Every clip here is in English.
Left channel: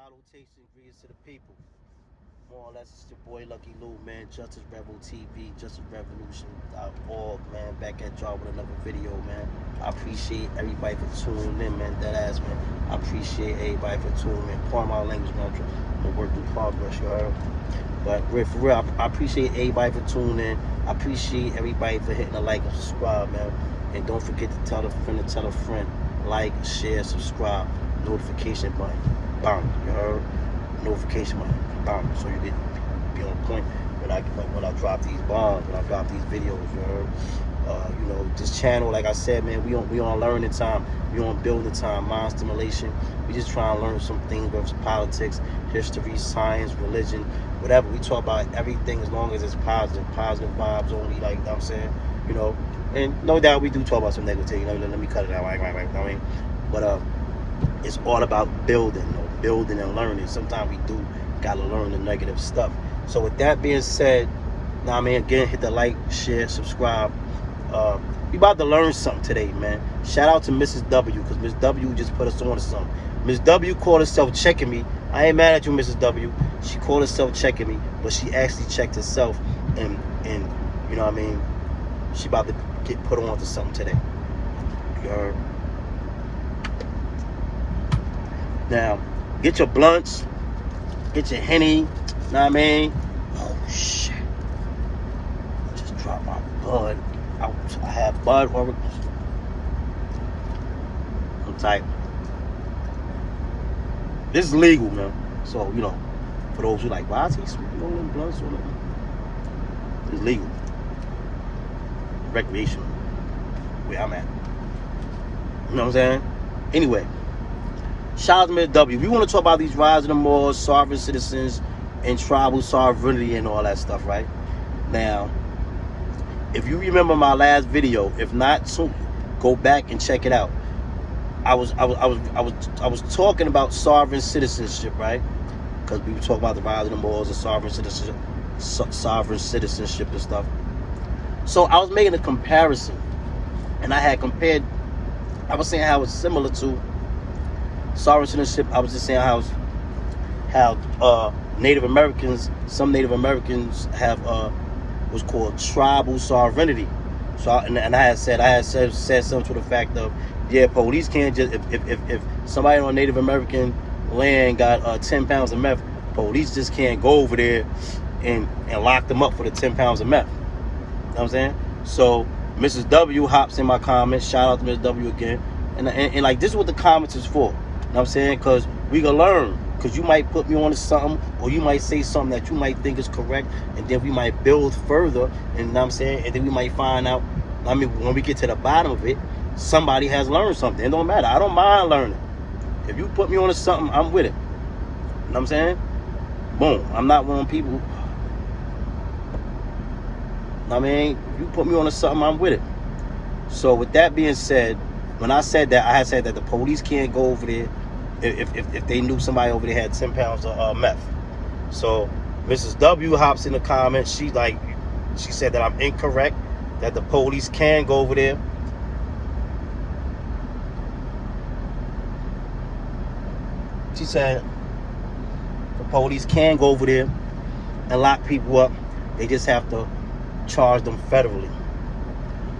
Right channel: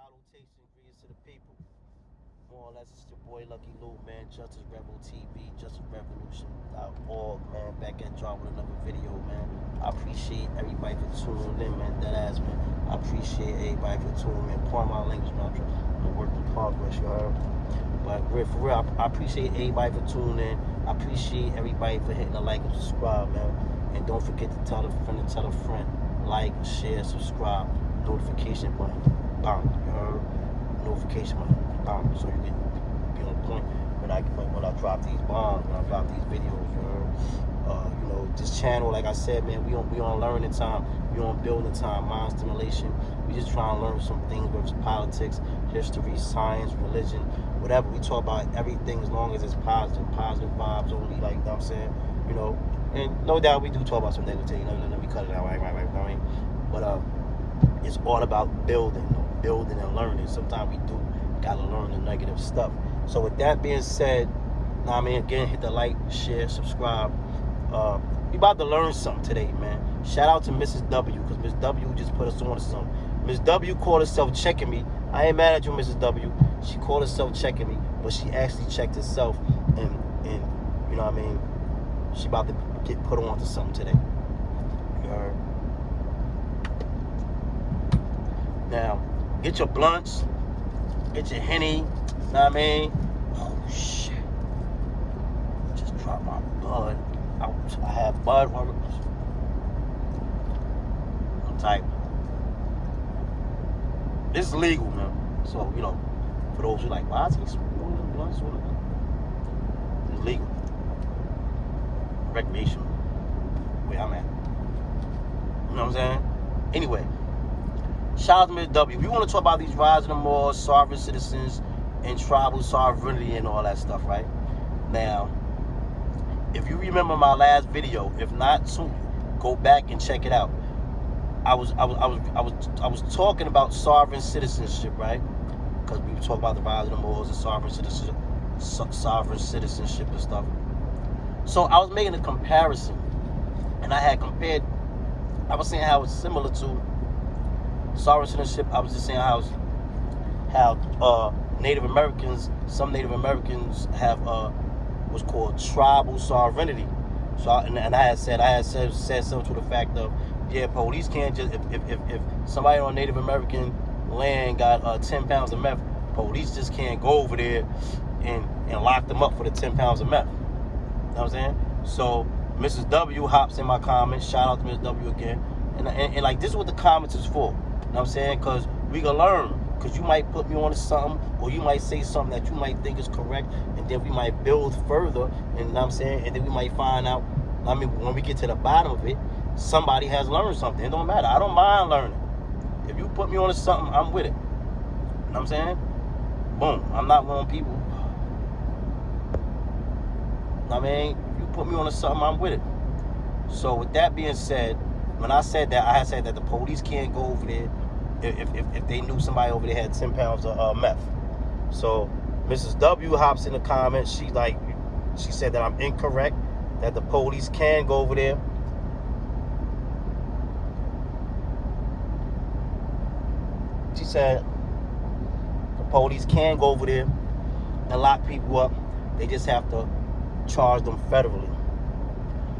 Salutation, greetings to the people. More or less, it's your boy Lucky Lou, man. Justice Rebel TV, Justice Revolution.org, man. Back at y'all with another video, man. I appreciate everybody for tuning in, man. That ass, man. I appreciate everybody for tuning in. Pardon my language, man. I'm a work in progress, you heard? But for real, I appreciate everybody for tuning in. I appreciate everybody for hitting the like and subscribe, man. And don't forget to tell a friend to tell a friend. Like, share, subscribe, notification button. Bam, you heard? Notification button. Bam, so you get be on point when I drop these bombs, when I drop these videos, you heard? This channel, like I said, man, we on learning time, we on building time, mind stimulation. We just trying to learn some things, whether it's politics, history, science, religion, whatever. We talk about everything as long as it's positive vibes only, like, you know what I'm saying? And no doubt we do talk about some negativity, let me cut it out, right? But it's all about building, building and learning. Sometimes we do gotta learn the negative stuff. So with that being said, again, hit the like, share, subscribe. We about to learn something today, man. Shout out to Mrs. W, because Miss W just put us on to something. Miss W called herself checking me. I ain't mad at you, Mrs. W. She called herself checking me, but she actually checked herself, and you know what I mean? She about to get put on to something today. You heard? Now, get your blunts, get your Henny, you know what I mean? Oh, shit. I just dropped my bud. I have bud already. I'm tight. This is legal, man. So, for those who are like, why is he rolling blunts? It's legal. Recreation. Where I'm at. You know what I'm saying? Anyway. Shout out to Miss W. We want to talk about these rising Moors, sovereign citizens, and tribal sovereignty and all that stuff, right? Now, if you remember my last video, if not, so go back and check it out. I was talking about sovereign citizenship, right? Because we were talking about the rising Moors and sovereign citizenship and stuff. So I was making a comparison, and I was saying how it's similar to sovereign citizenship. I was just saying how Native Americans, some Native Americans have what's called tribal sovereignty. So I had said something to the fact of, yeah, police can't just if somebody on Native American land got 10 pounds of meth, police just can't go over there and lock them up for the 10 pounds of meth. You know what I'm saying? So Mrs. W hops in my comments. Shout out to Mrs. W again. And like, this is what the comments is for. You know what I'm saying? Because we can learn. Because you might put me on to something, or you might say something that you might think is correct, and then we might build further, and you know what I'm saying? And then we might find out, when we get to the bottom of it, somebody has learned something. It don't matter. I don't mind learning. If you put me on to something, I'm with it. You know what I'm saying? Boom. I'm not one of them people. You put me on to something, I'm with it. So with that being said, when I said that, I had said that the police can't go over there if they knew somebody over there had 10 pounds of meth. So Mrs. W hops in the comments. She said that I'm incorrect, that the police can go over there. She said the police can go over there and lock people up. They just have to charge them federally.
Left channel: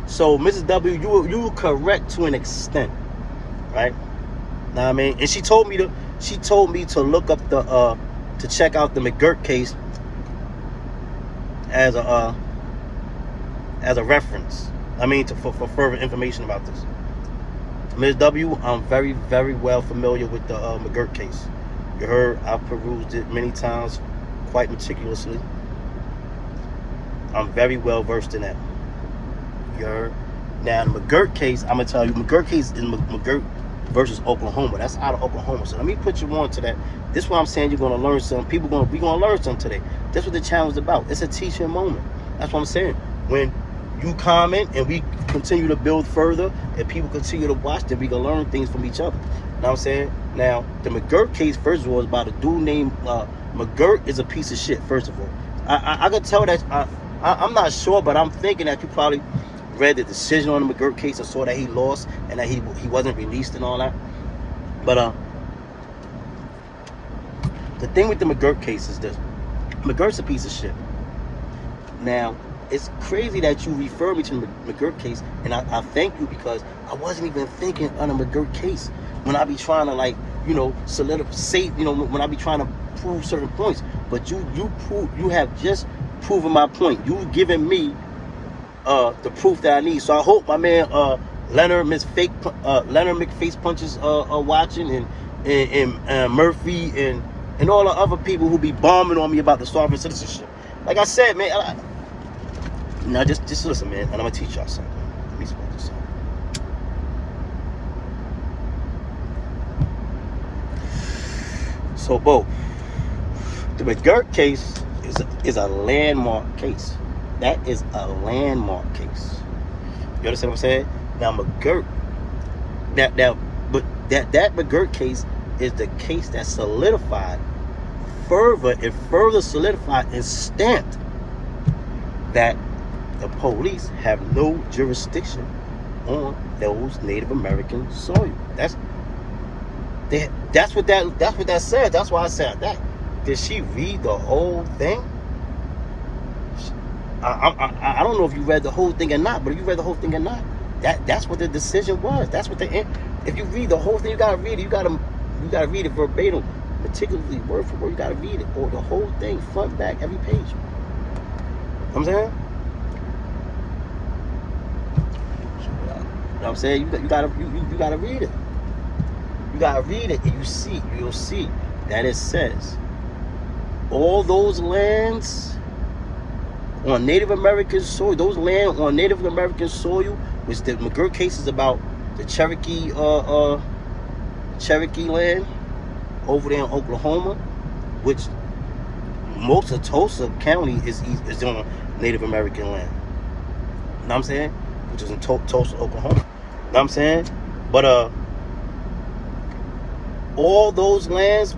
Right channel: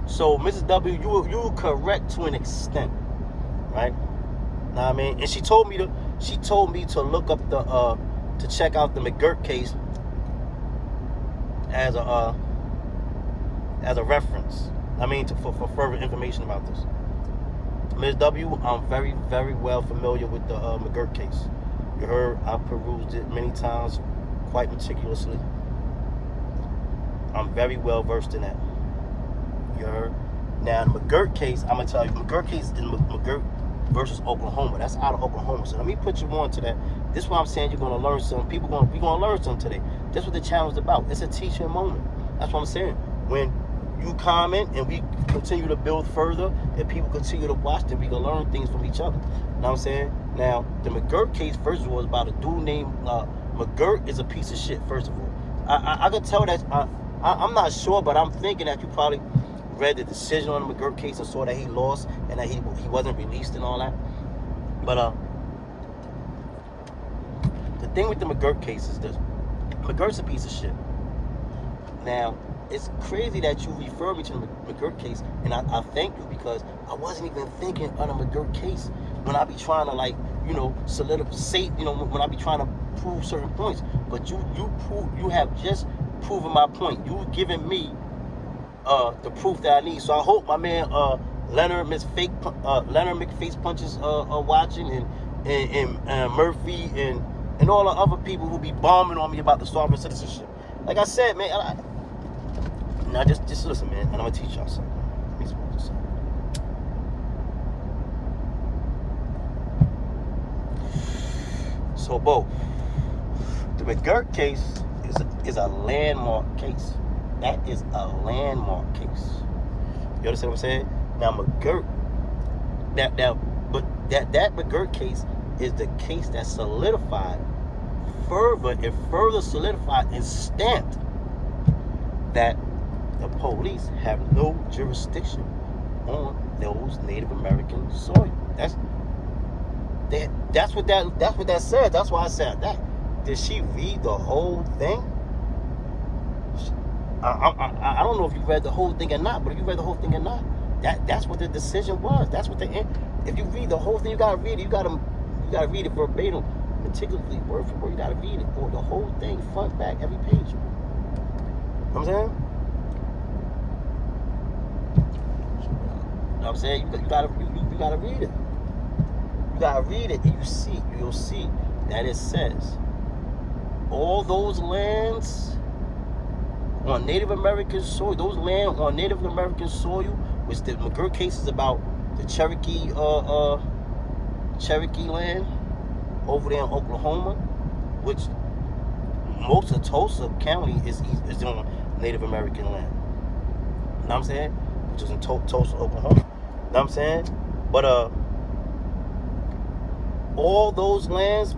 So Mrs. W, you were correct to an extent, right? Know what I mean? And she told me to look up to check out the McGirt case as a reference. For further information about this. Ms. W, I'm very, very well familiar with the McGirt case. You heard, I've perused it many times, quite meticulously. I'm very well versed in that. You heard? Now, the McGirt case, I'm gonna tell you, McGirt case is McGirt versus Oklahoma. That's out of Oklahoma. So let me put you on to that. This is what I'm saying. You're gonna learn something. We're gonna learn something today. That's what the channel is about. It's a teaching moment. That's what I'm saying. When you comment and we continue to build further, and people continue to watch, then we can learn things from each other. You know what I'm saying? Now, the McGirt case, first of all, is about a dude named McGirt is a piece of shit. First of all, I could tell that. I'm not sure, but I'm thinking that you probably read the decision on the McGirt case and saw that he lost and that he wasn't released and all that. But The thing with the McGirt case is this. McGirt's a piece of shit. Now, it's crazy that you refer me to the McGirt case, and I thank you, because I wasn't even thinking on a McGirt case when I be trying to, like, you know, solidify, you know, when I be trying to prove certain points. But you have just proven my point. You've given me the proof that I need. So I hope my man Leonard McFace Punches watching, and Murphy and all the other people who be bombing on me about the sovereign citizenship. Like I said, man, now just listen, man, and I'm gonna teach y'all something. Let me smoke this up. So, Bo, the McGirt case is a landmark case. That is a landmark case. You understand what I'm saying? Now, McGirt, that McGirt case is the case that solidified further solidified and stamped that the police have no jurisdiction on those Native American soil. That's what that said. That's why I said that. Did she read the whole thing? I don't know if you read the whole thing or not, but if you read the whole thing or not, that's what the decision was. That's what if you read the whole thing, you gotta read it. You gotta read it verbatim, particularly word for word. You gotta read it, or the whole thing, front, back, every page. You know what I'm saying? You know what I'm saying? You gotta read it. You gotta read it, and you'll see that it says all those lands on Native American soil, those land on Native American soil, which the McGirt case is about, the Cherokee land over there in Oklahoma, which most of Tulsa County is on Native American land. You know what I'm saying? Which is in Tulsa, Oklahoma. You know what I'm saying? But all those lands,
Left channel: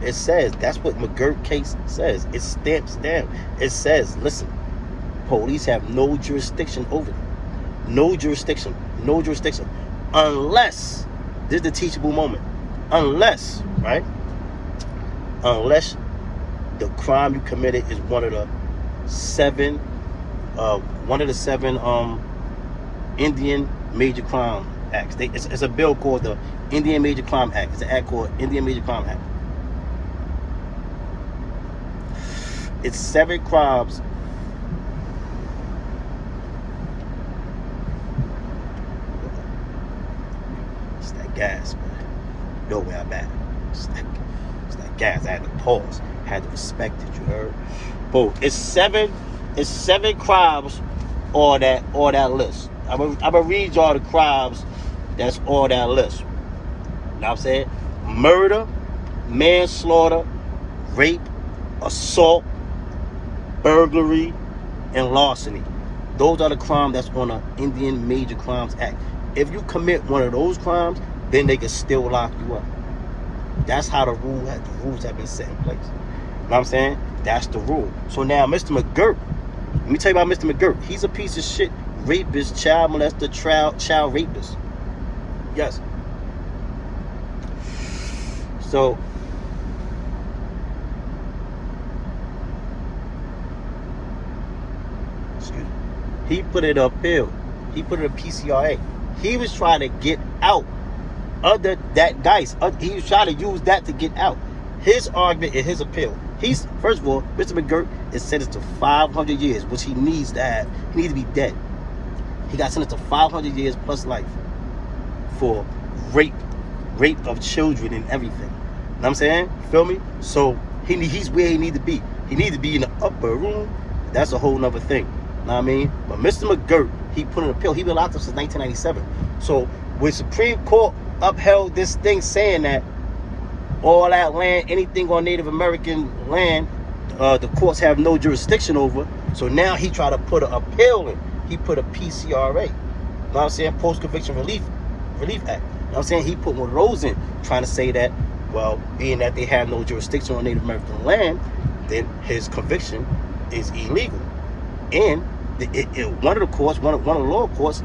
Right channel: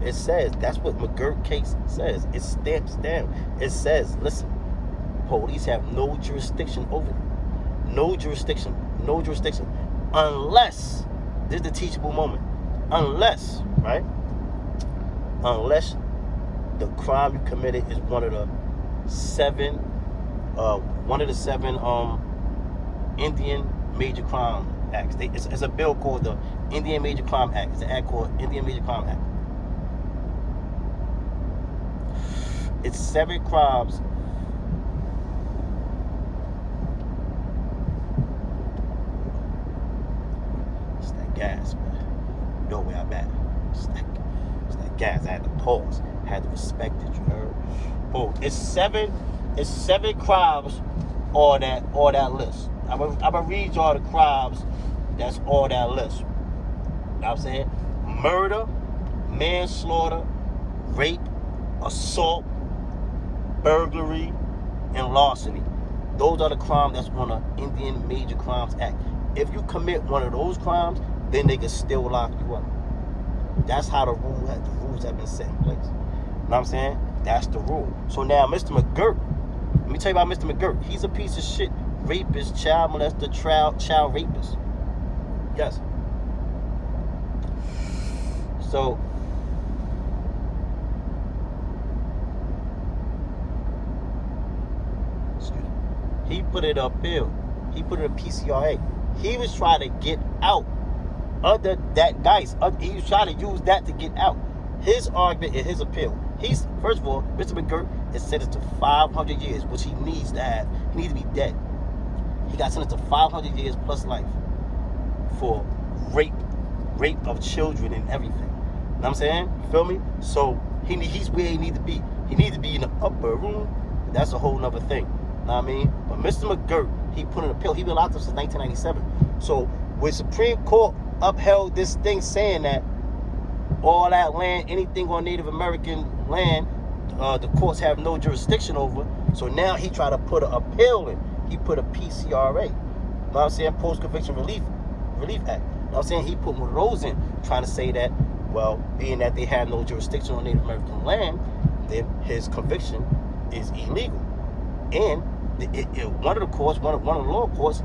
it says, that's what McGirt case says. It stamps down. It says, listen, police have no jurisdiction over them. No jurisdiction. No jurisdiction. Unless, this is the teachable moment. Unless, right? Unless the crime you committed is one of the seven Indian Major Crime Acts. It's a bill called the Indian Major Crime Act. It's an act called Indian Major Crime Act. It's 7 crimes. It's that gas, man. You know where I'm at. It's that gas. I had to pause. I had to respect it, you heard? But it's seven crimes on that list. I'm gonna read y'all the crimes that's on that list. You know what I'm saying? Murder, manslaughter, rape, assault, burglary, and larceny. Those are the crimes that's on the Indian Major Crimes Act. If you commit one of those crimes, then they can still lock you up. That's how the rules have been set in place. You know what I'm saying? That's the rule. So now, Mr. McGirt, let me tell you about Mr. McGirt. He's a piece of shit rapist, child molester, child rapist. Yes. So, excuse me. He put it uphill. He put it in PCRA. He was trying to get out under that dice. He was trying to use that to get out. His argument and his appeal. He's, first of all, Mr. McGirt is sentenced to 500 years, which he needs to have. He needs to be dead. He got sentenced to 500 years plus life for rape of children and everything. You know what I'm saying? You feel me? So he's where he needs to be. He needs to be in the upper room. That's a whole nother thing. You know what I mean? But Mr. McGirt, he put in a pill. He been locked up since 1997. So when Supreme Court upheld this thing saying that all that land, anything on Native American land, the courts have no jurisdiction over. So now he tried to put an appeal in. He put a PCRA. You know what I'm saying? Post-Conviction Relief Act. You know what I'm saying? He put one of those in, trying to say that, well, being that they have no jurisdiction on Native American land, then his conviction is illegal. And one of the lower courts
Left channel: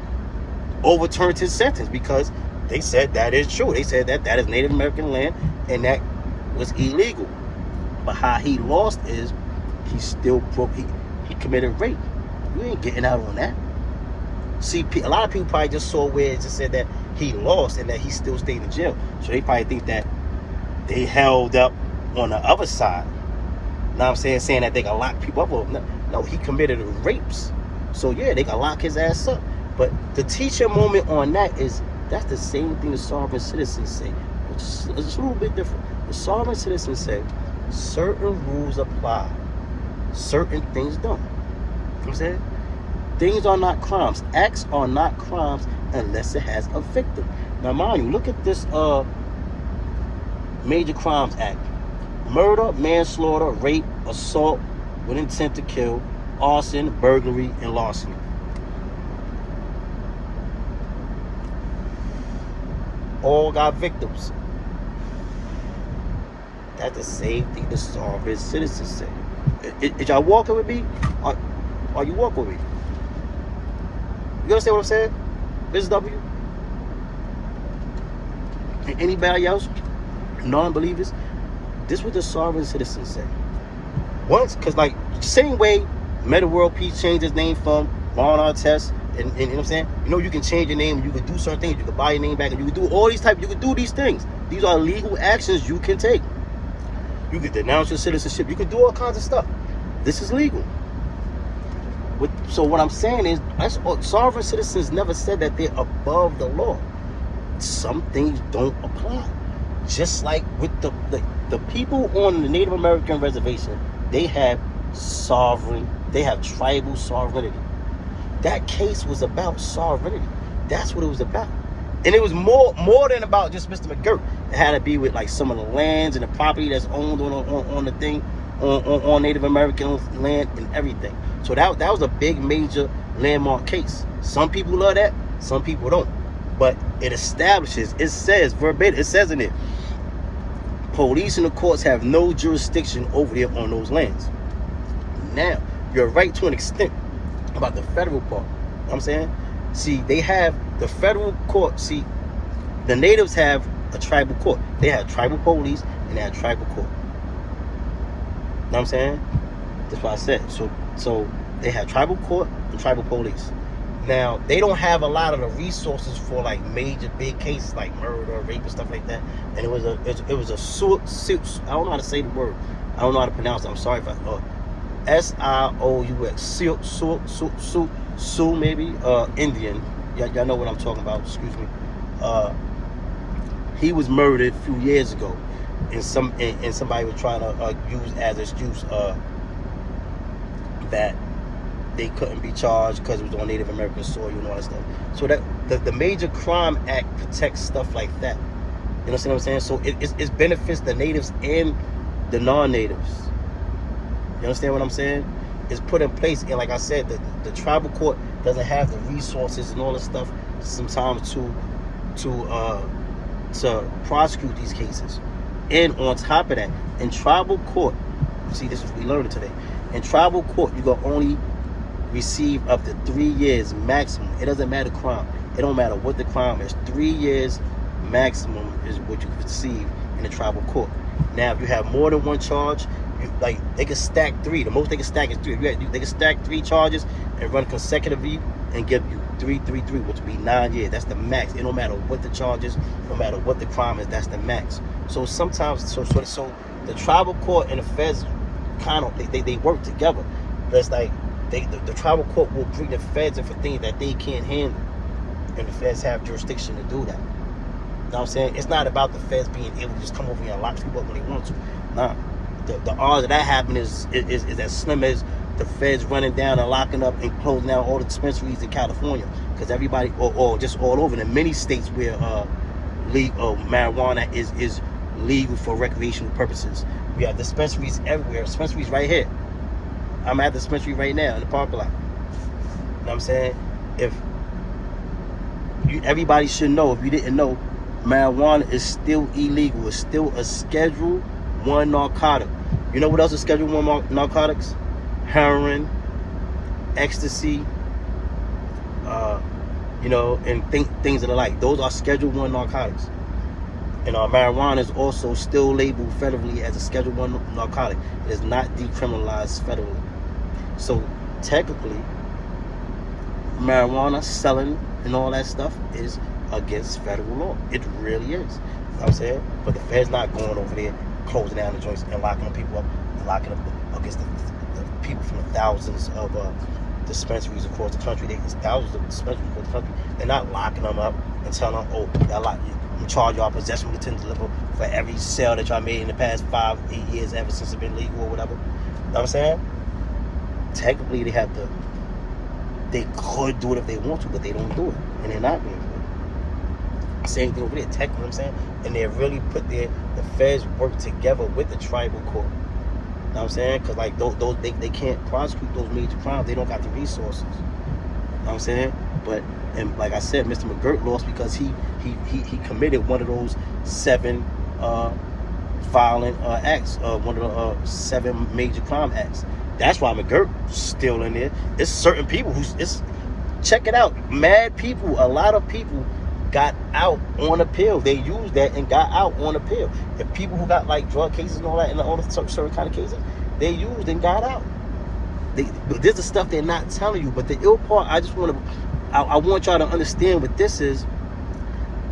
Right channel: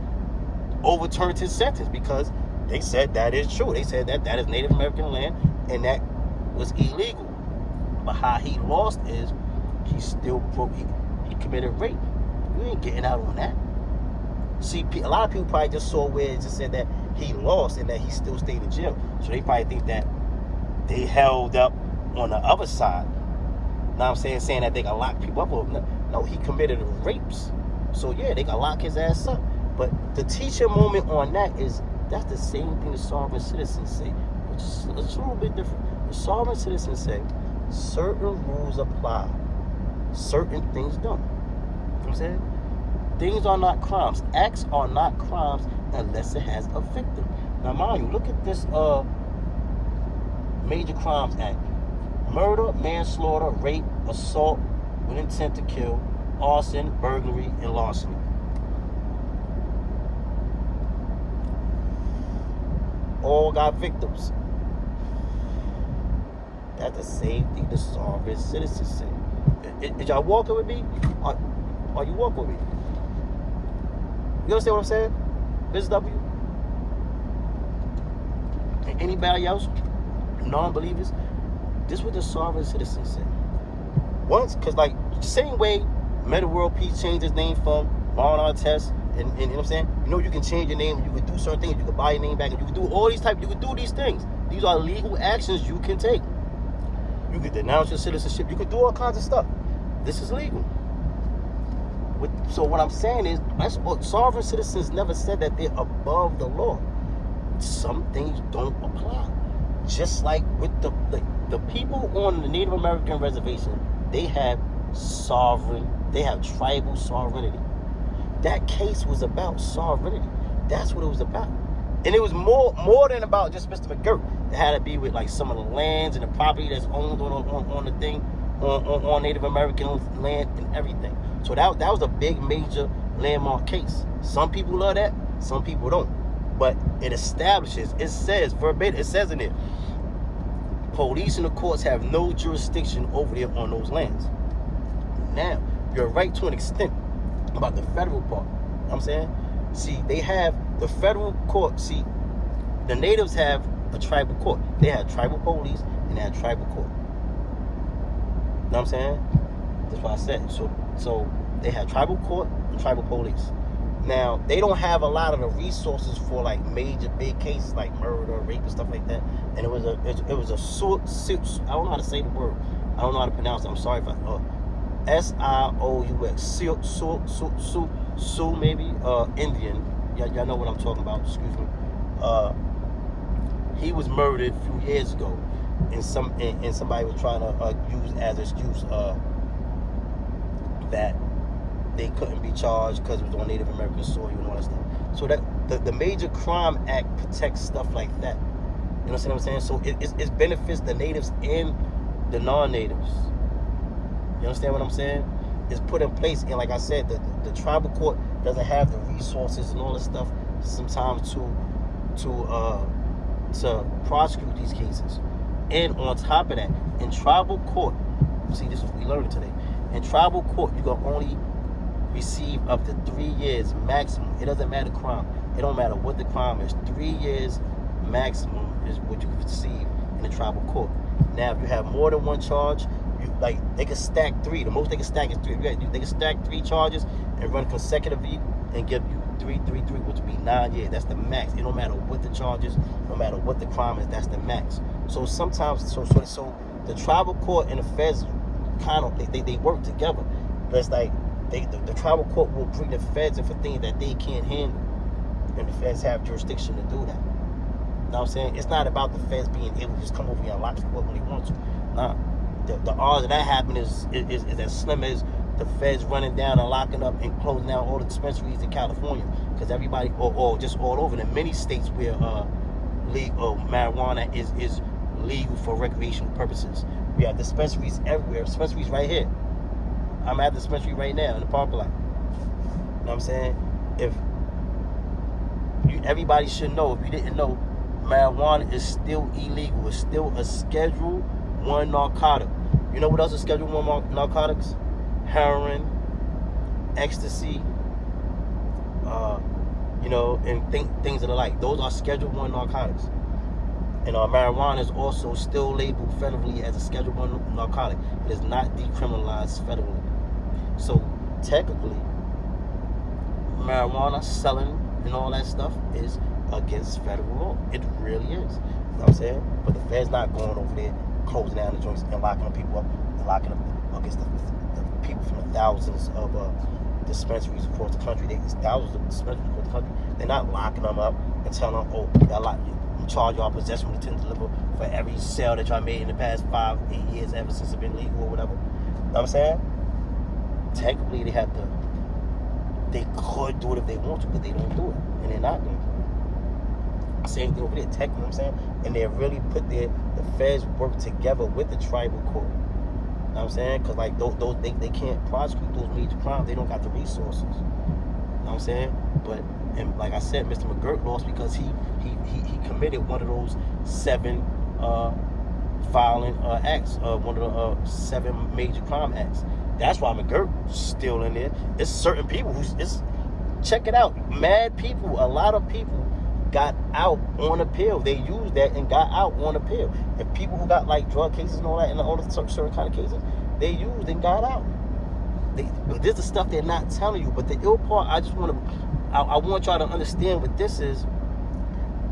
overturned his sentence because they said that is true. They said that is Native American land and that was illegal. But how he lost is he still broke. He committed rape. You ain't getting out on that. See, a lot of people probably just saw where it just said that he lost and that he still stayed in jail. So they probably think that they held up on the other side. Know what I'm saying that they can lock people up. Well, no, he committed rapes. So yeah, they can lock his ass up. But the teaching moment on that is that's the same thing the sovereign citizens say. It's just a little bit different. The sovereign citizens say certain rules apply, certain things don't. You know what I'm saying? Things are not crimes. Acts are not crimes unless it has a victim. Now, mind you, look at this Major Crimes Act. Murder, manslaughter, rape, assault with intent to kill, arson, burglary, and larceny. All got victims. That's the same thing the sovereign citizens say. Is y'all walking with me? Are you walking with me? You understand what I'm saying? Ms. W? And anybody else? Non-believers? This is what the sovereign citizens say. Once, because like, same way Meta World Peace changed its name from Ron Artest, and you know what I'm saying? You know, you can change your name, you can do certain things, you can buy your name back, and you can do all these types, you can do these things. These are legal actions you can take. You can denounce your citizenship, you can do all kinds of stuff. This is legal. So what I'm saying is, sovereign citizens never said that they're above the law. Some things don't apply. Just like with the people on the Native American reservation, they have tribal sovereignty. That case was about sovereignty. That's what it was about. And it was more than about just Mr. McGirt. It had to be with like some of the lands and the property that's owned on the thing, on Native American land and everything. So that was a big major landmark case. Some people love that, some people don't. But it establishes, it says verbatim, it says in it, police and the courts have no jurisdiction over there on those lands. Now, you're right to an extent about the federal part. You know what I'm saying? See, they have the federal court. See, the natives have a tribal court. They have tribal police and they have tribal court. You know what I'm saying? That's what I said. So they have tribal court and tribal police. Now, they don't have a lot of the resources for like major big cases like murder, rape, and stuff like that. And it was a suit. I don't know how to say the word. I don't know how to pronounce it. I'm sorry if I SIOUX. Sioux maybe. Indian. Y'all know what I'm talking about. Excuse me. He was murdered a few years ago, and somebody was trying to use as an excuse that they couldn't be charged because it was on Native American soil and all that stuff. So that the Major Crime Act protects stuff like that. You know what I'm saying? So it benefits the natives and the non-natives. You understand what I'm saying? It's put in place, and like I said, the tribal court doesn't have the resources and all this stuff sometimes to prosecute these cases. And on top of that, in tribal court, see, this is what we learned today. In tribal court, you can only receive up to 3 years maximum. It doesn't matter crime. It don't matter what the crime is. 3 years maximum is what you receive in the tribal court. Now, if you have more than one charge, they can stack 3. The most they can stack is 3. They can stack 3 charges and run consecutively and give you 3, which would be 9 years. That's the max. It don't matter what the charge is, no matter what the crime is. That's the max. So sometimes, so the tribal court and the feds kind of they work together. But it's like the tribal court will bring the feds in for things that they can't handle, and the feds have jurisdiction to do that. You know what I'm saying? It's not about the feds being able to just come over here and lock people up when they want to. Nah. The odds of that happening is as slim as the feds running down and locking up and closing down all the dispensaries in California, because everybody, or just all over in many states where marijuana is legal for recreational purposes. We have dispensaries everywhere. Dispensaries right here. I'm at the dispensary right now in the parking lot. You know what I'm saying? Everybody should know, if you didn't know, marijuana is still illegal. It's still a Schedule 1 narcotic. You know what else is Schedule 1 narcotics? Heroin, ecstasy, and things of the like. Those are Schedule 1 narcotics. And marijuana is also still labeled federally as a Schedule 1 narcotic. It is not decriminalized federally. So technically, marijuana selling and all that stuff is against federal law. It really is. You know what I'm saying? But the Fed's not going over there closing down the joints and locking people up, locking them against the people from the thousands of dispensaries across the country. There's thousands of dispensaries across the country. They're not locking them up and telling them, oh, y'all lock you. Charge y'all possession with intent to deliver for every sale that y'all made in the past 5, 8 years ever since it's been legal or whatever. You know what I'm saying? Technically, they could do it if they want to, but they don't do it. And they're not going to do it. Same thing over there, technically, you know what I'm saying? And they really put the feds work together with the tribal court. You know what I'm saying? Because like they can't prosecute those major crimes. They don't got the resources. You know what I'm saying? But, and like I said, Mr. McGirt lost because he committed one of those 7 violent acts, one of the 7 major crime acts. That's why McGirt's still in there. It's certain people check it out. Mad people, a lot of people got out on appeal. They used that and got out on appeal. The people who got like drug cases and all that and all the certain kind of cases, they used and got out. But this is the stuff they're not telling you. But the ill part, I want y'all to understand what this is.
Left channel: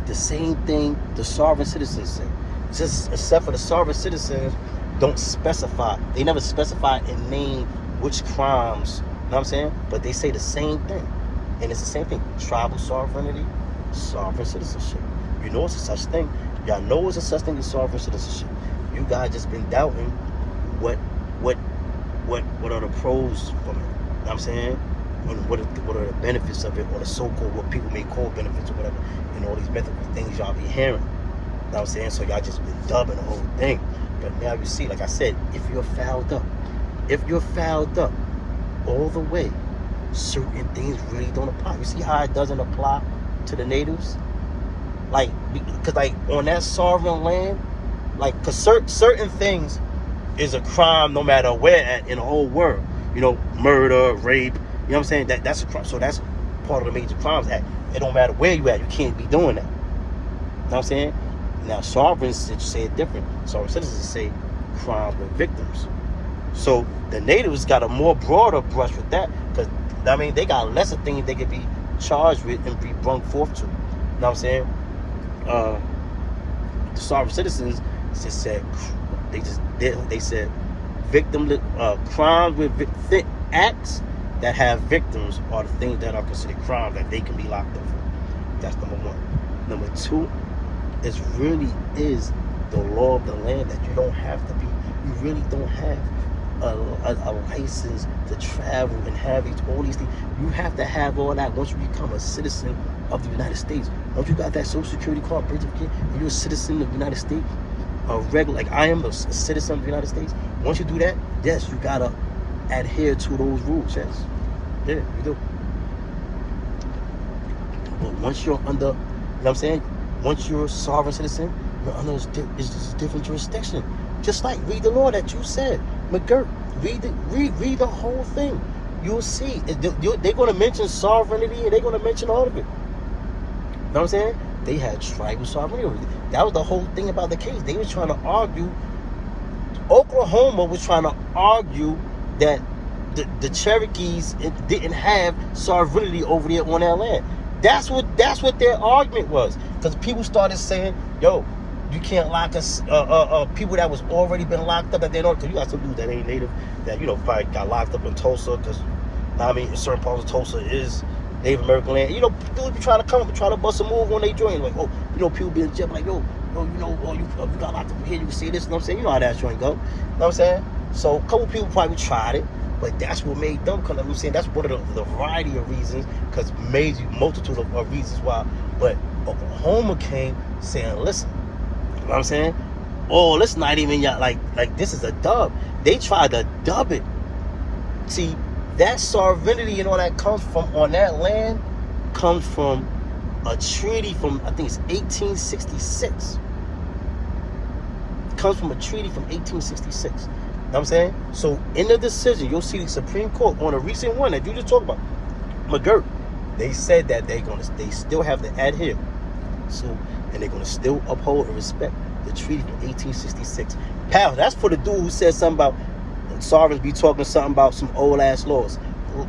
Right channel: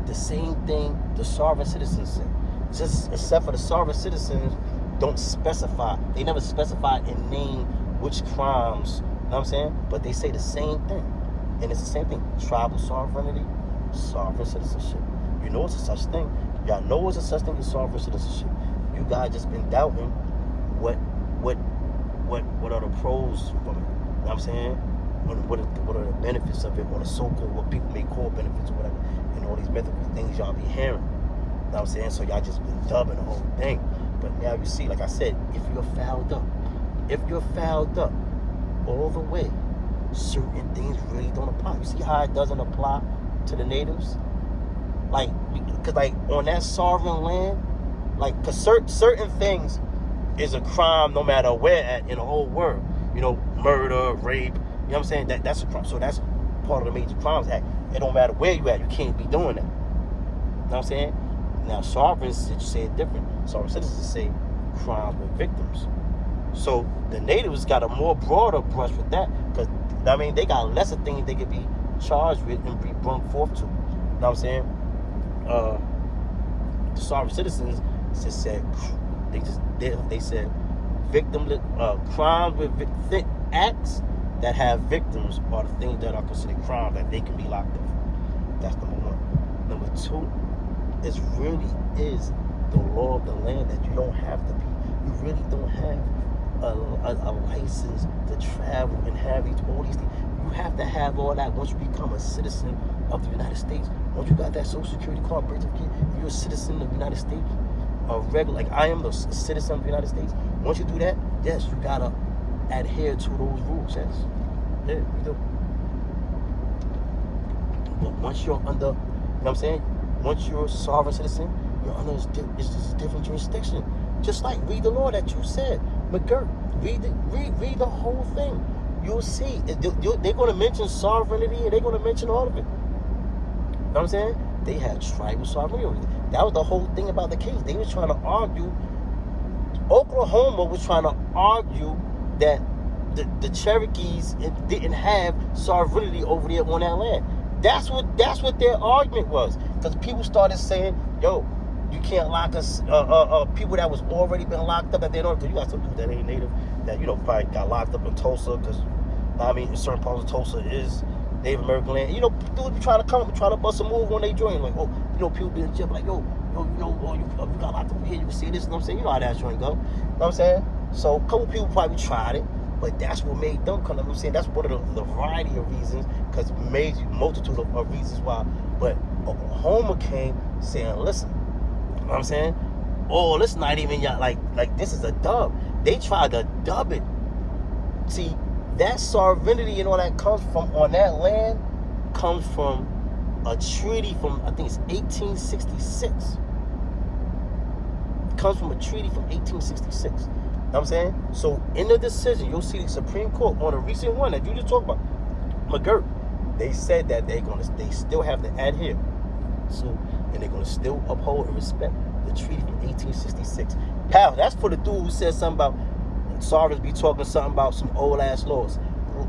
The same thing the sovereign citizens say. Just except for the sovereign citizens don't specify. They never specify and name which crimes. You know what I'm saying? But they say the same thing. And it's the same thing. Tribal sovereignty, sovereign citizenship. You know it's a such thing. Y'all know it's a such thing as sovereign citizenship. You guys just been doubting what are the pros from it. You know what I'm saying? What are the benefits of it, or the so-called, what people may call benefits or whatever, and all these mythical things y'all be hearing. You know what I'm saying? So y'all just been dubbing the whole thing. But now you see, like I said, if you're fouled up all the way, certain things really don't apply. You see how it doesn't apply to the natives? Like, because like on that sovereign land, like, because certain things is a crime no matter where at in the whole world. You know, murder, rape. You know what I'm saying? That's a crime. So that's part of the Major Crimes Act. It don't matter where you at. You can't be doing that. You know what I'm saying? Now, sovereigns say it different. Sovereign citizens say crimes with victims. So the natives got a more broader brush with that, because, I mean, they got lesser things they could be charged with and be brought forth to. You know what I'm saying? The sovereign citizens just said, they said crimes with acts that have victims are the things that are considered crimes that they can be locked up for. That's number one. Number two, it really is the law of the land that you don't have to be. You really don't have a license to travel and have all these things. You have to have all that once you become a citizen of the United States. Once you got that Social Security card, birth certificate, and you're a citizen of the United States, like I am a citizen of the United States. Once you do that, yes, you gotta adhere to those rules. Yes, yeah, you do. But once you're under, you know what I'm saying? Once you're a sovereign citizen, you're under it's just a different jurisdiction. Just like read the law that you said, McGirt. Read the whole thing. You'll see. They're going to mention sovereignty, and they're going to mention all of it. You know what I'm saying? They had tribal sovereignty. That was the whole thing about the case. They was trying to argue. Oklahoma was trying to argue that the Cherokees didn't have sovereignty over there on that land. That's what their argument was. Because people started saying, yo, you can't lock us, people that was already been locked up that they don't, because you got some dudes that ain't native, that, you know, probably got locked up in Tulsa, because, I mean, in certain parts of Tulsa is Native American land. You know, dudes be trying to come, try to bust a move when they join. Like, oh, you know, people be in jail, like, yo, you know, oh, you got locked up here, you can see this, you know what I'm saying? You know how that joint go. You know what I'm saying? So, a couple people probably tried it, but that's what made them come. I'm saying that's one of the variety of reasons, because multitude of reasons why. But Oklahoma came saying, listen, you know what I'm saying? Oh, let's not even like this is a dub. They tried to dub it. See, that sovereignty and all that comes from on that land comes from a treaty from, I think it's 1866. It comes from a treaty from 1866. You know what I'm saying? So in the decision, you'll see the Supreme Court on a recent one that you just talked about, McGirt, they said that they still have to adhere So, and they're going to still uphold and respect the treaty from 1866. Pal, that's for the dude who said something about sovereigns be talking something about some old ass laws.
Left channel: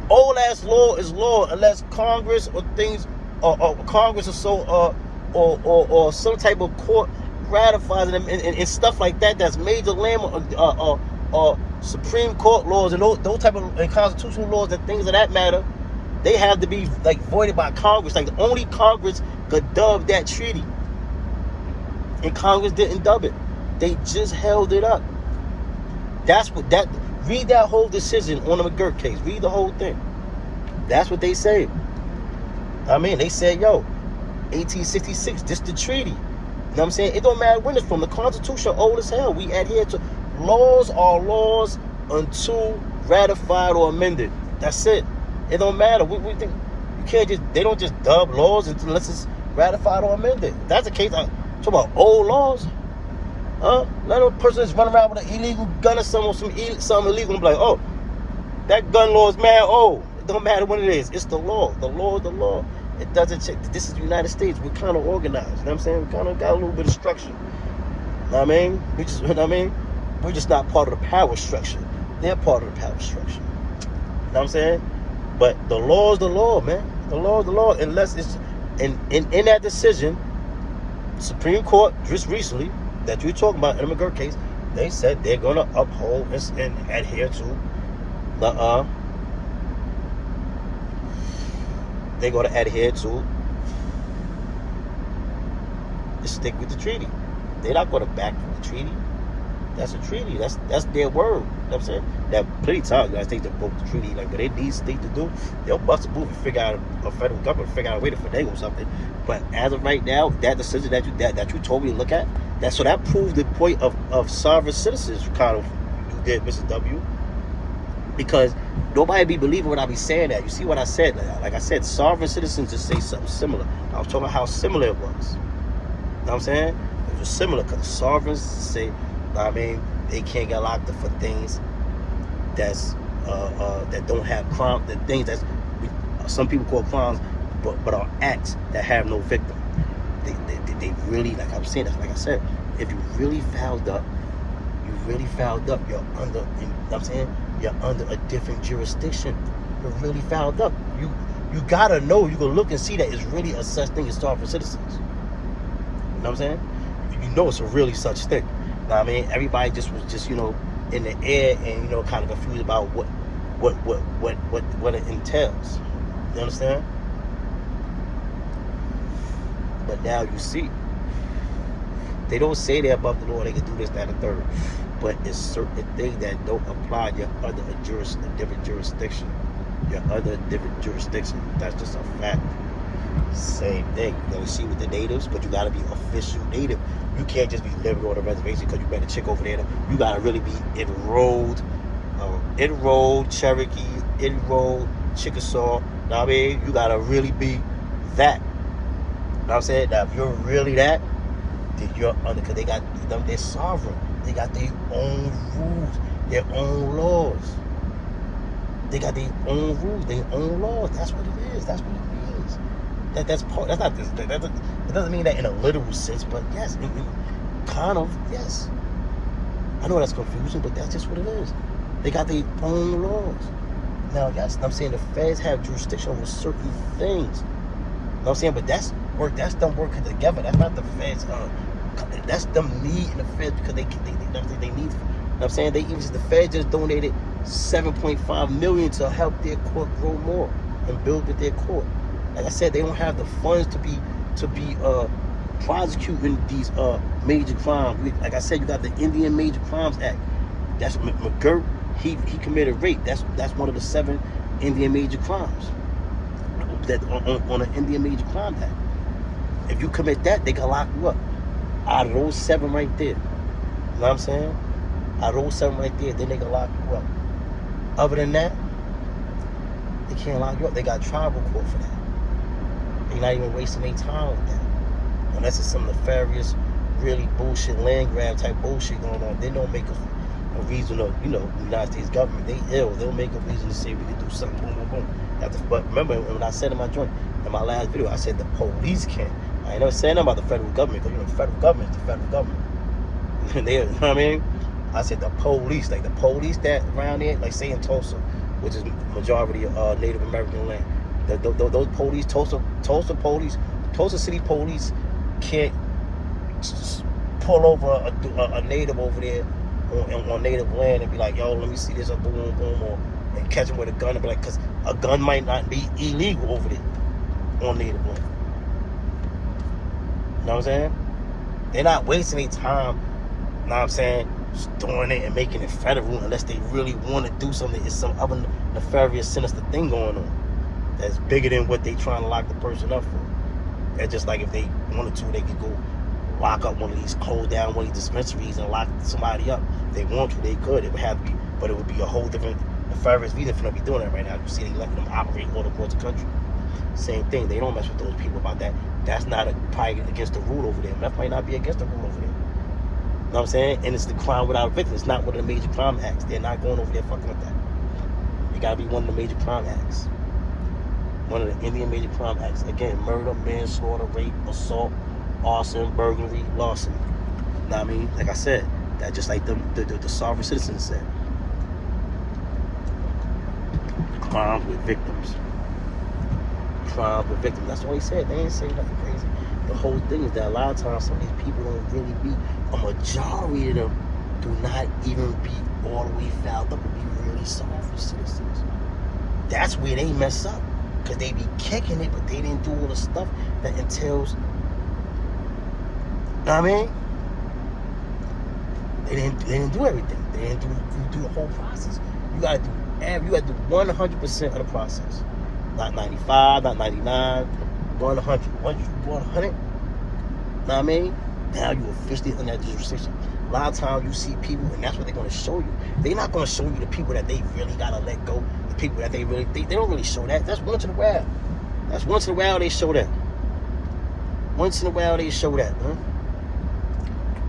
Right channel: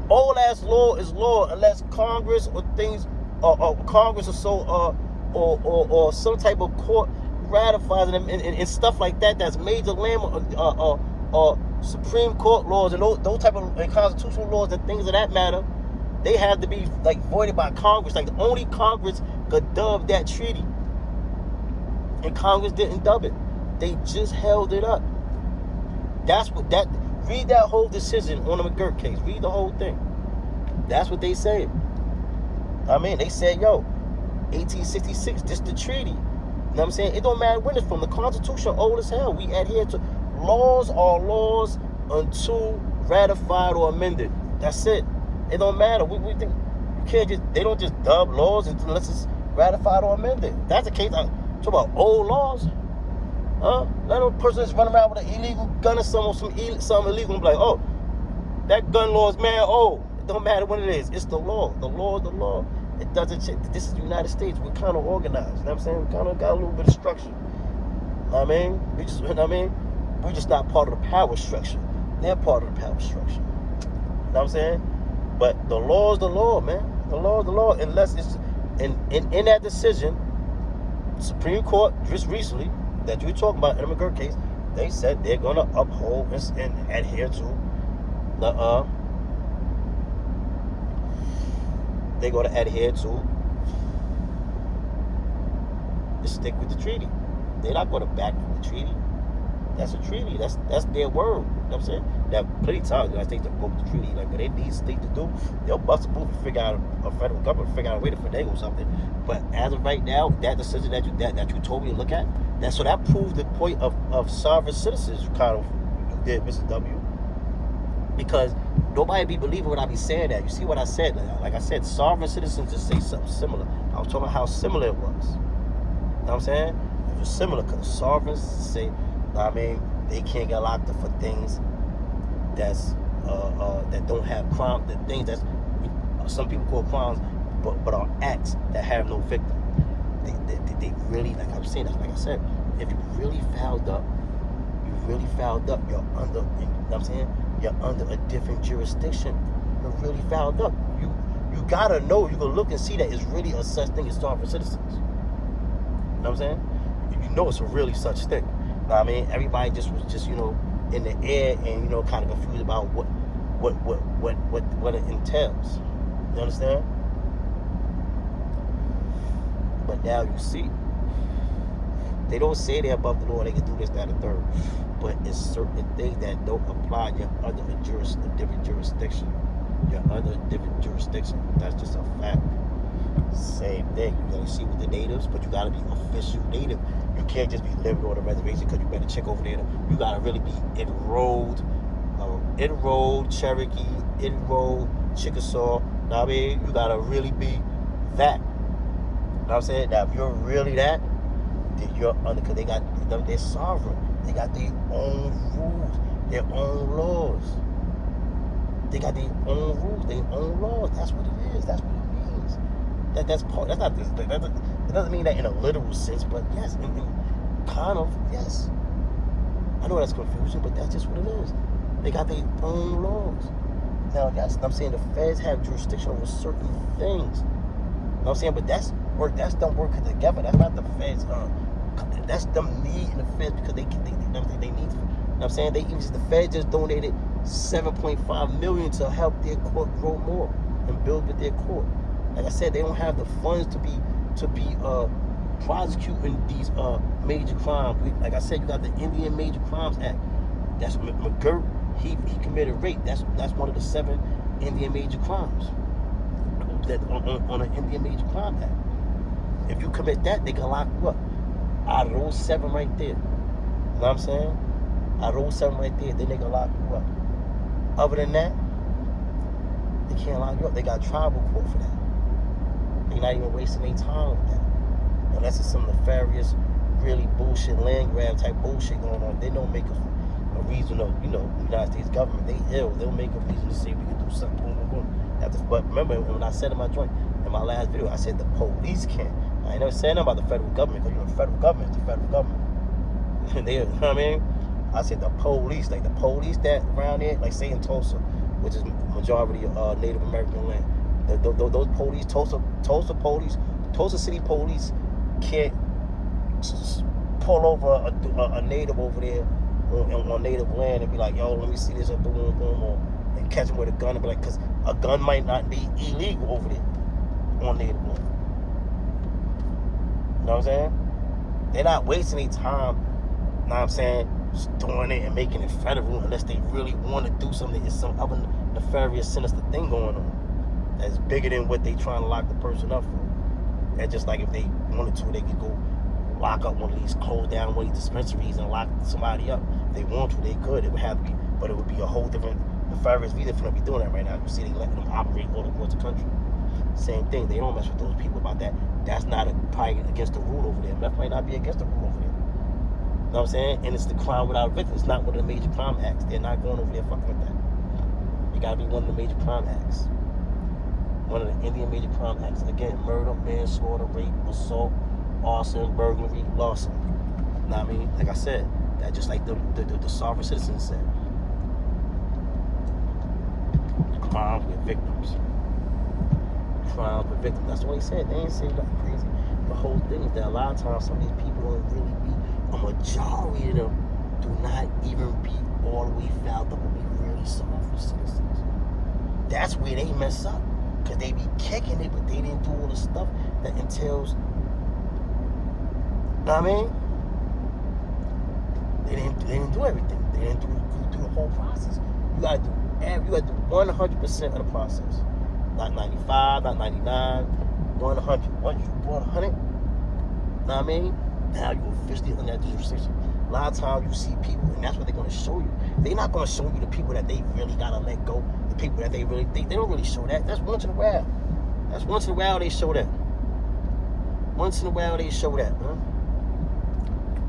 Old ass law is law unless Congress or things or Congress or so or some type of court ratifies them and stuff like that. That's major land or Supreme Court laws and those type of and constitutional laws and things of that matter. They have to be like voided by Congress. Like only Congress could dub that treaty, and Congress didn't dub it. They just held it up. That's what that. Read that whole decision on the McGirt case. Read the whole thing. That's what they said. I mean, they said, yo, 1866, this the treaty. You know what I'm saying? It don't matter when it's from. The Constitution old as hell. We adhere to laws are laws until ratified or amended. That's it. It don't matter. We think you can't just. They don't just dub laws unless it's ratified or amended. If that's the case. I'm talking about old laws. Let a person just run around with an illegal gun or something illegal and be like, oh, that gun law is mad old. It don't matter what it is. It's the law. The law is the law. It doesn't change. This is the United States. We're kind of organized. You know what I'm saying? We kind of got a little bit of structure. You know what I mean? We're just not part of the power structure. They're part of the power structure. You know what I'm saying? But the law is the law, man. The law is the law. Unless it's in that decision, Supreme Court just recently that you're talking about in the McGirt case, they said they're going to uphold and adhere to the they're going to adhere to stick with the treaty. They're not going to back from the treaty. That's a treaty. That's their word. You know what I'm saying? Now, plenty of times, United States to vote the treaty. Like, what they need state to do, they'll bust a move and figure out a federal government, figure out a way to finagle something. But as of right now, that decision that you told me to look at, that proved the point of sovereign citizens. You kind of you did, Mrs. W. Because nobody be believing when I be saying that. You see what I said? Like I said, sovereign citizens just say something similar. I was talking about how similar it was. You know what I'm saying? It was similar because the sovereigns say, I mean, they can't get locked up for things that's that don't have crime, the things that some people call crimes, but are acts that have no victim. They really, like I'm saying, that's like I said, if you really fouled up, you're under, you know what I'm saying? You're under a different jurisdiction. You're really fouled up. You gotta know, you can look and see that it's really a such thing as sovereign citizens. You know what I'm saying? You know it's a really such thing. You know what I mean? Everybody just was just, in the air and, kind of confused about what it entails. You understand? But now you see, they don't say they're above the law, they can do this, that, and third. But it's certain things that don't apply. You're under a different jurisdiction. You're under a different jurisdiction. That's just a fact. Same thing. You see with the natives, but you gotta be official native. You can't just be living on a reservation because you met a chick over there. You gotta really be enrolled Cherokee, enrolled Chickasaw. Know what I mean? You gotta really be that. Know what I'm saying? Now, if you're really that, then you're under, because they're sovereign. They got their own rules, their own laws. They got their own rules, their own laws. That's what it is. That's what it means. That's part. That's not this. It doesn't mean that in a literal sense, but yes, kind of, yes. I know that's confusing, but that's just what it is. They got their own laws. Now, yes, I'm saying the feds have jurisdiction over certain things. You know what I'm saying? But that's them working together. That's not the feds. That's them needing the feds because they need. You know what I'm saying? The feds just donated $7.5 million to help their court grow more and build with their court. Like I said, they don't have the funds to be prosecuting these major crimes. Like I said, you got the Indian Major Crimes Act. That's McGirt. He committed rape. That's one of the 7 Indian major crimes that on an Indian Major Crimes Act. If you commit that, they can lock you up. Out of those 7 right there. You know what I'm saying? Out of those 7 right there, then they can lock you up. Other than that, they can't lock you up. They got tribal court for that. They're not even wasting their time with that. Unless it's some nefarious, really bullshit land grab type bullshit going on. They don't make a reason of, United States government, they ill. They'll make a reason to say we can do something, boom, boom, boom. But remember, when I said in my last video, I said the police can. I ain't never said nothing about the federal government, because the federal government is the federal government. They, you know what I mean? I said the police, like the police that around there, like say in Tulsa, which is majority Native American land. Those police, Tulsa police, Tulsa City police can't just pull over a native over there on native land and be like, yo, let me see this, boom, boom, or and catch him with a gun and be like, because a gun might not be illegal over there on native land. You know what I'm saying? They're not wasting their time, you know what I'm saying, doing it and making it federal unless they really want to do something. It's some other nefarious, sinister thing going on that's bigger than what they trying to lock the person up for. It's just like if they wanted to, they could go lock up one of these, close down one of these dispensaries and lock somebody up. If they want to, they could. It would have to be, but it would be a whole different nefarious reason for them to be doing that right now. You see, they letting them operate all across the country. Same thing. They don't mess with those people about that. That's not probably against the rule over there. Meth might not be against the rule over there. You know what I'm saying? And it's the crime without a victim. It's not one of the major crime acts. They're not going over there fucking with that. You gotta be one of the major crime acts. One of the Indian major crime acts. Again, murder, manslaughter, rape, assault, arson, burglary, larceny. You know what I mean? Like I said, that just like the sovereign citizens said. Crimes with victims. Crimes with victims. That's what he said. They ain't saying nothing crazy. The whole thing is that a lot of times some of these people don't really be, a majority of them do not even be all the way fouled up and be really sovereign citizens. That's where they mess up. Because they be kicking it, but they didn't do all the stuff that entails. You know what I mean? They didn't do everything. They didn't do the whole process. You gotta do 100% of the process. Not 95, not 99, 100. Once you 100, you know what I mean? Now you officially under that jurisdiction. A lot of times you see people, and that's what they're gonna show you. They're not gonna show you the people that they really gotta let go. The people that they don't really show that. That's once in a while. That's once in a while they show that. Once in a while they show that, huh?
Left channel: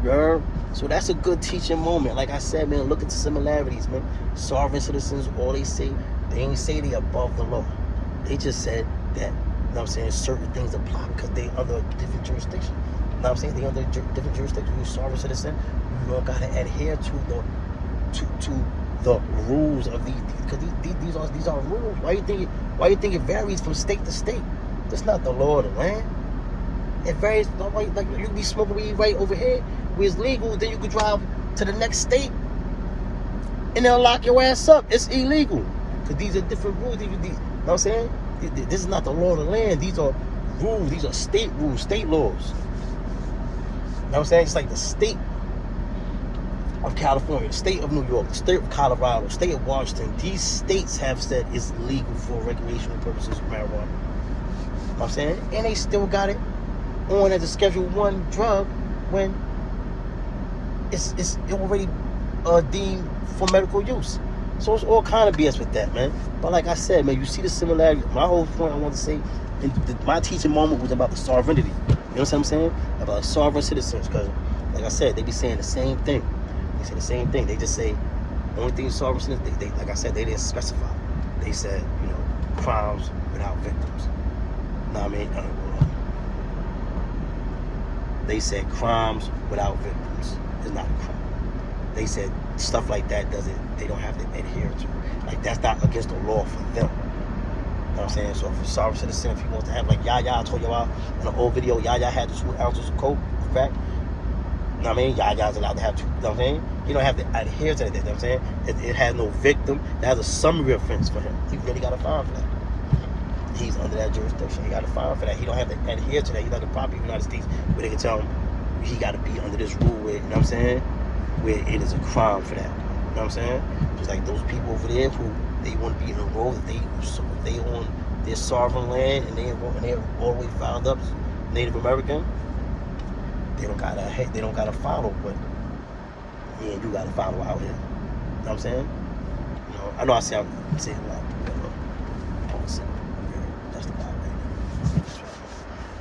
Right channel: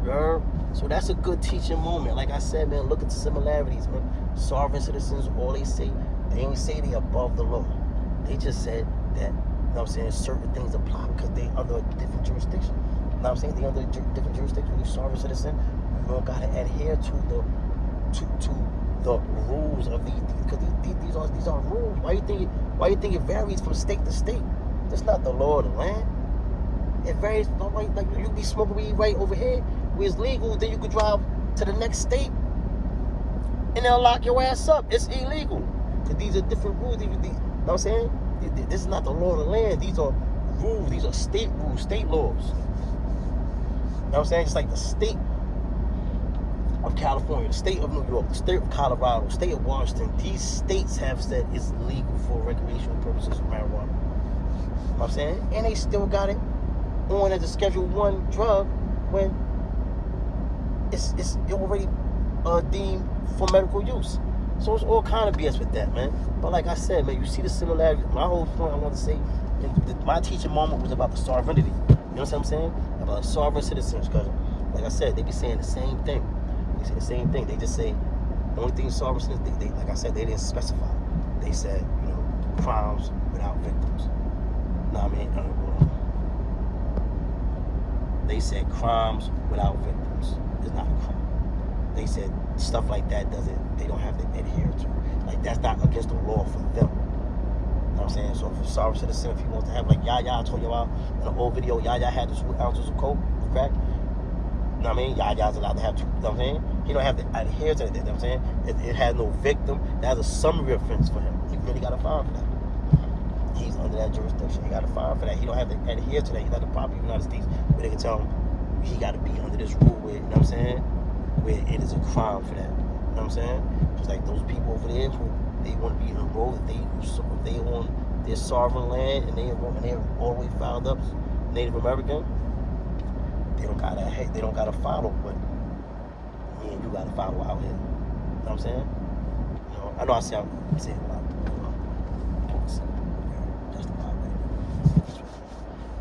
Yeah. So that's a good teaching moment. Like I said, man, look at the similarities, man. Sovereign citizens, all they say, they ain't say they above the law. They just said that, you know what I'm saying, certain things apply because they under different jurisdiction. You know what I'm saying? They under different jurisdiction. You're a sovereign citizen, you don't gotta adhere to the rules of these, because these are rules. Why you think it varies from state to state? That's not the law of the land. It varies. Like you can be smoking weed right over here where it's legal, then you could drive to the next state and they'll lock your ass up. It's illegal because these are different rules. You know what I'm saying? This is not the law of the land. These are rules. These are state rules, state laws. You know what I'm saying? It's like the state of California, the state of New York, the state of Colorado, the state of Washington. These states have said it's legal for recreational purposes for marijuana. You know what I'm saying? And they still got it on as a Schedule 1 drug when it's already deemed for medical use. So it's all kind of BS with that, man. But like I said, man, you see the similarity. My whole point I want to say, my teaching moment was about the sovereignty. You know what I'm saying? About sovereign citizens. Because, like I said, they be saying the same thing. They say the same thing. They just say, the only thing sovereign citizens, they like I said, they didn't specify. They said, you know, crimes without victims. You know what I mean? They said crimes without victims is not a crime. They said stuff like that they don't have to adhere to. Like that's not against the law for them. You know what I'm saying? So if a sovereign citizen, if he wants to have, like Yaya, I told you about in an old video, Yaya had the 2 ounces of coke, crack. You know what I mean? Yaya's allowed to have 2, you know what I'm saying? He don't have to adhere to that, you know what I'm saying? It has no victim. That has a summary offense for him. He really got a fine for that. He's under that jurisdiction. He got a fine for that. He don't have to adhere to that. He's like a property of the United States where they can tell him he got to be under this rule where, you know what I'm saying, where it is a crime for that. You know what I'm saying? Just like those people over there who they want to be enrolled, if they on their sovereign land and they're all the way filed up Native American, they don't gotta follow what me and you gotta follow out here. You know what I'm saying? You know, I know I saying a lot, but that's the vibe right now.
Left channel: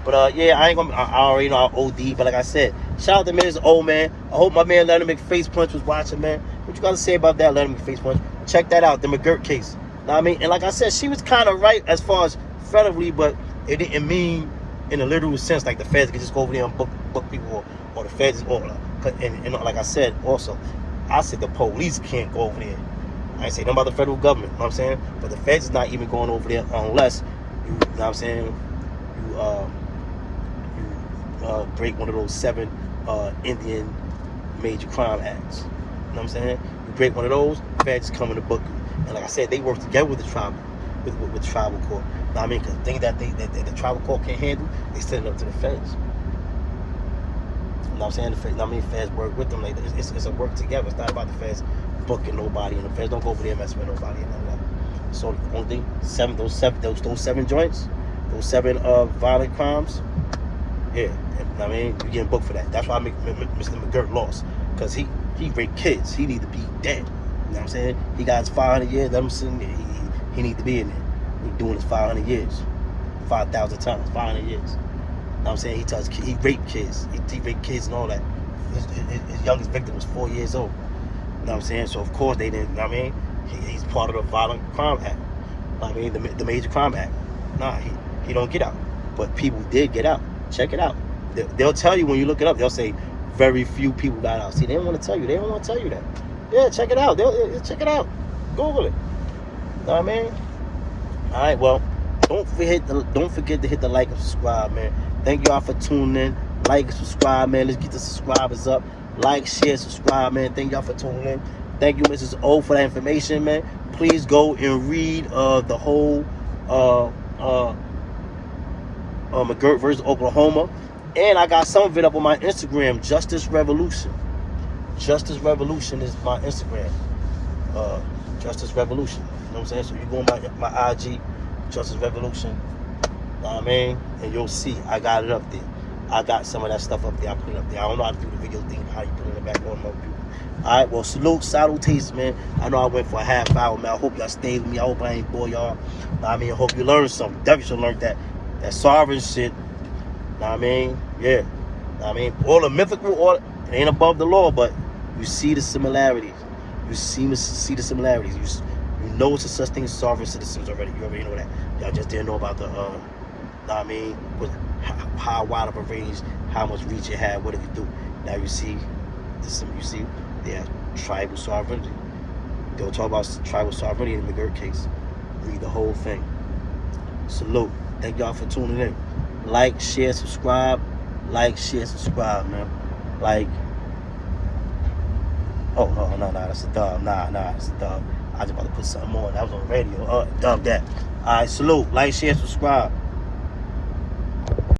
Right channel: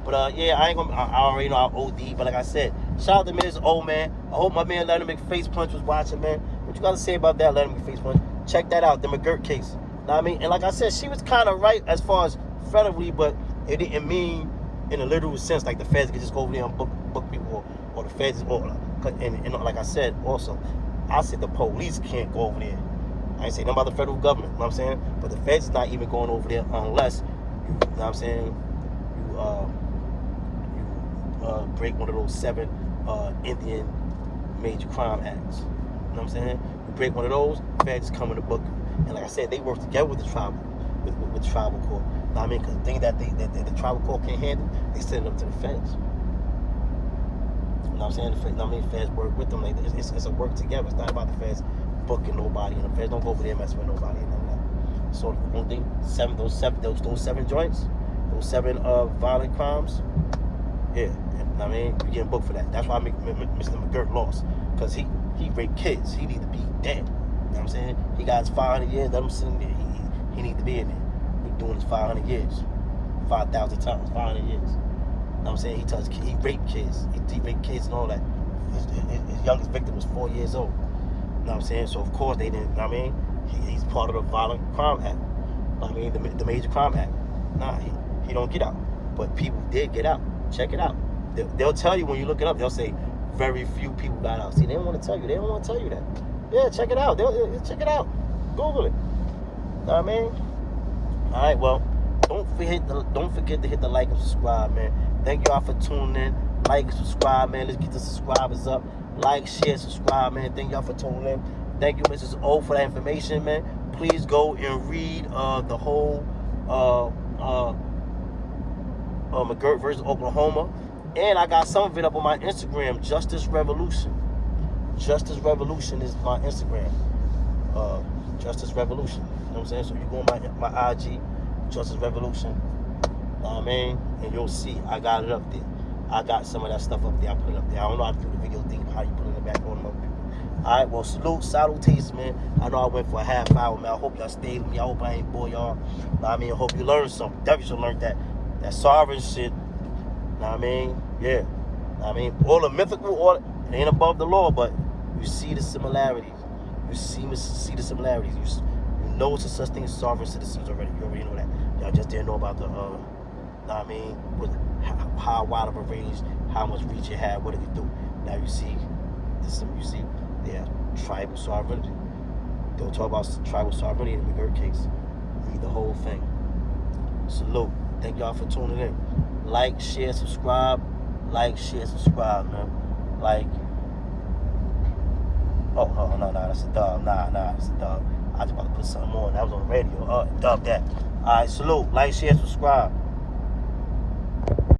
But yeah, I already know I OD, but like I said, shout out to Mrs. Old Man. I hope my man Leonard McFace Punch was watching, man. What you gotta say about that, Leonard McFace Punch? Check that out, the McGirt case. Know what I mean? And like I said, she was kind of right as far as federally, but it didn't mean in a literal sense, like the feds can just go over there and book people, or the feds, or and like I said, also, I said the police can't go over there. I ain't say nothing about the federal government, you know what I'm saying? But the feds is not even going over there unless you know what I'm saying, you break one of those 7 Indian major crime acts. You know what I'm saying? You break one of those, feds come in the book. And like I said, they work together with the tribal, with the tribal court. You know what I mean? Because the thing that the tribal court can't handle, they send it up to the feds. You know what I'm saying? The feds, you know what I mean? Feds work with them. Like, it's a work together. It's not about the feds booking nobody, and the feds don't go over there messing with nobody and all that. So the only thing, those seven joints, those 7 violent crimes, yeah. You know what I mean? You getting booked for that. That's why Mr. McGirt lost, because he raped kids. He need to be dead. You know what I'm saying? He got his 500 years. Let him sit in there. He need to be in there. He's doing his 500 years, 5,000 times, 500 years. You know what I'm saying? He raped kids. He raped kids and all that. His youngest victim was 4 years old. You know what I'm saying? So of course they didn't. You know what I mean? He's part of the Violent Crime Act. You know what I mean? The Major Crime Act. Nah, he don't get out. But people did get out. Check it out. They'll tell you when you look it up. They'll say very few people got out. See, they don't want to tell you. They don't want to tell you that. Yeah, check it out. They'll check it out. Google it. You know what I mean? All right. Well, don't forget to hit the like and subscribe, man. Thank y'all for tuning in. Like and subscribe, man. Let's get the subscribers up. Like, share, subscribe, man. Thank y'all for tuning in. Thank you, Mrs. O, for that information, man. Please go and read the whole McGirt versus Oklahoma. And I got some of it up on my Instagram, Justice Revolution. Justice Revolution is my Instagram. Justice Revolution. You know what I'm saying? So you go on my IG, Justice Revolution. You know what I mean? And you'll see I got it up there. I got some of that stuff up there. I put it up there. I don't know how to do the video thing, how you put it back on my people. All right, well, salutations, man. I know I went for a half hour, man. I hope y'all stayed with me. I hope I ain't bore y'all. I mean, I hope you learned something. Definitely should learn that sovereign shit. Know what I mean? Yeah. Know what I mean? All the mythical, it ain't above the law, but you see the similarities. You see the similarities. You know it's a such thing as sovereign citizens already. You already know that. Y'all just didn't know about the, know what I mean? How wide of a range, how much reach it had, what it could do. Now you see, yeah, tribal sovereignty. They'll talk about tribal sovereignty in the McGirt case. Read the whole thing. Salute. Thank y'all for tuning in. Like, share, subscribe. Like, share, subscribe, man. Like. Oh, no, that's a dub. Nah, that's a dub. I was about to put something on. That was on the radio. Dub that. All right, salute. Like, share, subscribe.